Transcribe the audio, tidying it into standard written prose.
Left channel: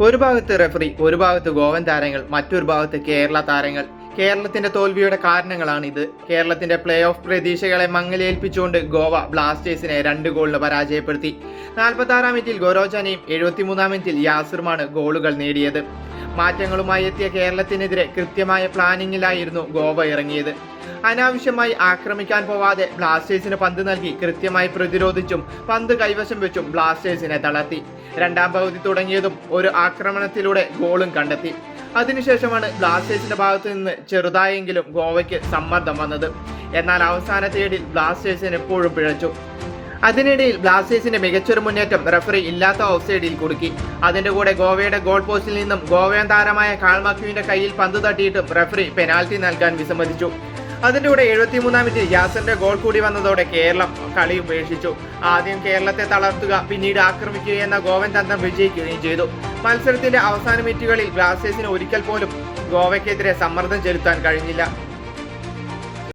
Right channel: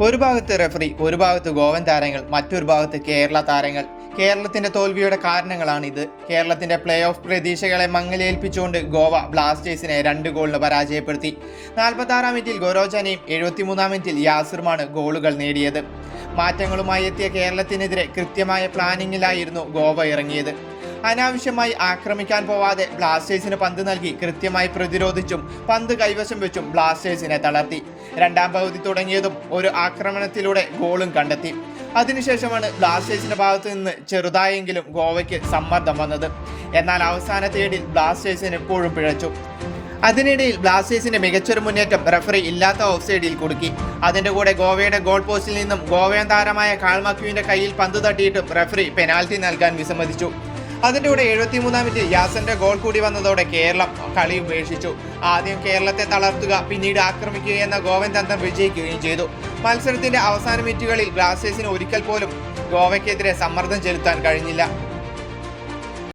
ഒരു ഭാഗത്ത് റെഫറി, ഒരു ഭാഗത്ത് ഗോവൻ താരങ്ങൾ, മറ്റൊരു ഭാഗത്ത് കേരള താരങ്ങൾ. കേരളത്തിന്റെ തോൽവിയുടെ കാരണങ്ങളാണിത്. കേരളത്തിന്റെ പ്ലേ ഓഫ് പ്രതീക്ഷകളെ മങ്ങലേൽപ്പിച്ചുകൊണ്ട് ഗോവ ബ്ലാസ്റ്റേഴ്സിനെ 2 ഗോളിന് പരാജയപ്പെടുത്തി. 46-ാം മിനിറ്റിൽ ഗോരോജാനയും 73-ാം മിനിറ്റിൽ യാസിറുമാണ് ഗോളുകൾ നേടിയത്. മാറ്റങ്ങളുമായി എത്തിയ കേരളത്തിനെതിരെ കൃത്യമായ പ്ലാനിങ്ങിലായിരുന്നു ഗോവ ഇറങ്ങിയത്. അനാവശ്യമായി ആക്രമിക്കാൻ പോവാതെ ബ്ലാസ്റ്റേഴ്സിന് പന്ത് നൽകി കൃത്യമായി പ്രതിരോധിച്ചും പന്ത് കൈവശം വെച്ചും ബ്ലാസ്റ്റേഴ്സിനെ തളർത്തി. രണ്ടാം പകുതി തുടങ്ങിയതും ഒരു ആക്രമണത്തിലൂടെ ഗോളും കണ്ടെത്തി. അതിനുശേഷമാണ് ബ്ലാസ്റ്റേഴ്സിന്റെ ഭാഗത്തു നിന്ന് ചെറുതായെങ്കിലും ഗോവയ്ക്ക് സമ്മർദ്ദം വന്നത്. എന്നാൽ അവസാന തേടിൽ ബ്ലാസ്റ്റേഴ്സിന് എപ്പോഴും പിഴച്ചു. അതിനിടയിൽ ബ്ലാസ്റ്റേഴ്സിന്റെ മികച്ചൊരു മുന്നേറ്റം റെഫറി ഇല്ലാത്ത ഓഫ് സൈഡിൽ കുടുക്കി. അതിന്റെ കൂടെ ഗോവയുടെ ഗോൾ പോസ്റ്റിൽ നിന്നും ഗോവയൻ താരമായ കാൾമാക്യുവിന്റെ കയ്യിൽ പന്ത് തട്ടിയിട്ടും റെഫറി പെനാൽറ്റി നൽകാൻ വിസമ്മതിച്ചു. അതിൻ്റെ കൂടെ 73-ാം മിനിറ്റിൽ യാസന്റെ ഗോൾ കൂടി വന്നതോടെ കേരളം കളി ഉപേക്ഷിച്ചു. ആദ്യം കേരളത്തെ തളർത്തുക, പിന്നീട് ആക്രമിക്കുക എന്ന ഗോവൻ തന്ത്രം വിജയിക്കുകയും ചെയ്തു. മത്സരത്തിന്റെ അവസാന മിനിറ്റുകളിൽ ബ്ലാസ്റ്റേഴ്സിന് ഒരിക്കൽ പോലും ഗോവയ്ക്കെതിരെ സമ്മർദ്ദം ചെലുത്താൻ കഴിഞ്ഞില്ല.